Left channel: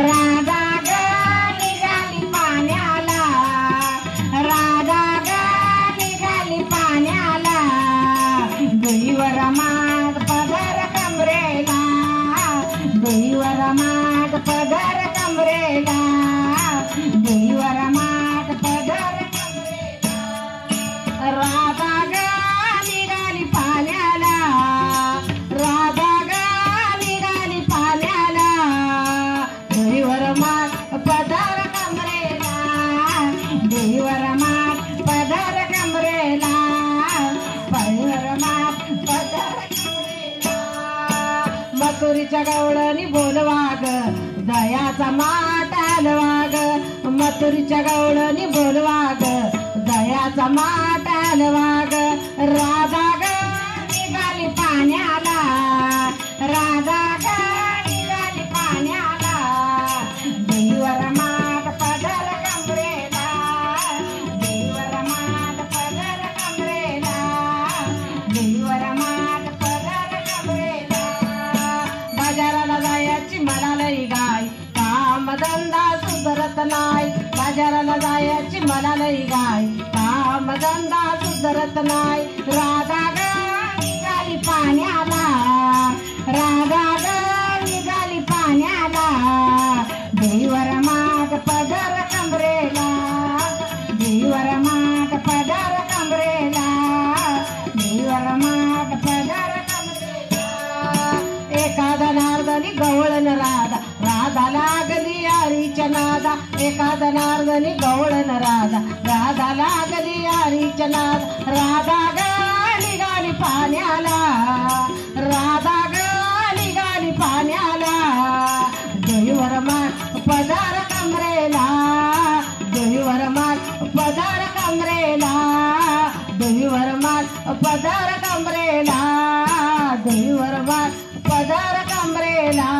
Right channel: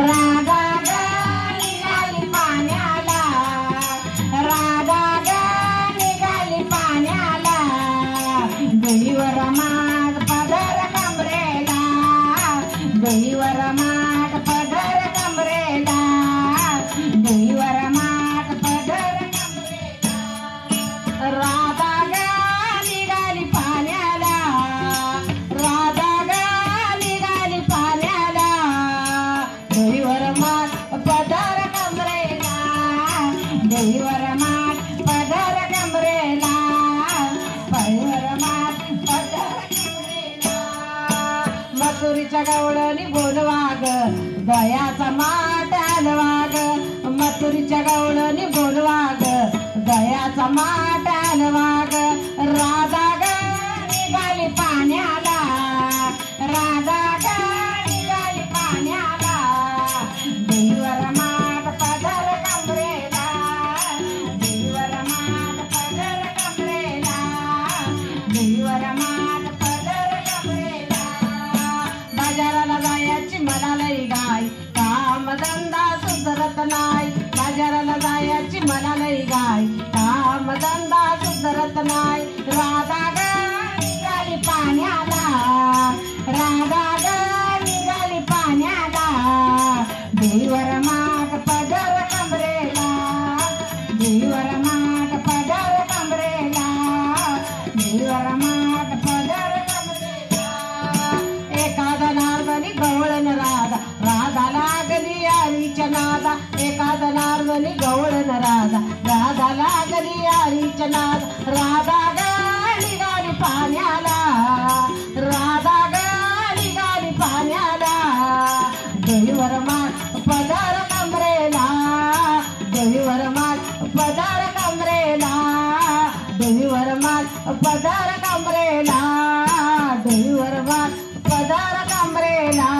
राधा ग निघाली पाण्याला, राधा ग निघाली पाण्याला, देवीवर माठ पदर कमरेला, देवीवर माठ पदर कमरेला, देवीवर माठ पदर कमरेला. राधा ग निघाली पाण्याला, राधा ग निघाली पाण्याला, देवीवर माठ पदर कमरेला, देवीवर माठ पदर कमरेला, देवीवर माठ पदर कमरेला. मथुरीच्या गवळणी बोलवा ग दयाचा माठ हलवा ग, मथुरीच्या गवळणी बोलवा ग दयाचा माठ हलवा ग. राधा ग निघाली पाण्याला, राधा ग निघाली पाण्याला, देवीवर माठ पदर कमरेला, देवीवर माठ पदर कमरेला, देवीवर माठ पदर कमरेला. बाजाराला जायची मला लई गाय, कामधंदा सुधरत नाही, बाजाराला जायची मला लई गाय, कामधंदा सुधरत नाही. राधा ग निघाली पाण्याला, राधा ग निघाली पाण्याला, देवीवर माठ पदर कमरेला, देवीवर माठ पदर कमरेला, देवीवर माठ पदर कमरेला. एखादा नारदनी गवळण राधा, राधा लागली यारीच्या नादा, एखादा नारदनी गवळण राधा, राधा लागली यारीच्या नाद. राधा ग निघाली पाण्याला, राधा ग निघाली पाण्याला, देवीवर माठ पदर कमरेला, देवीवर माठ पदर कमरेला, देवीवर माठ पदर कमरेला, देवीवर माठ पदर कमरेला.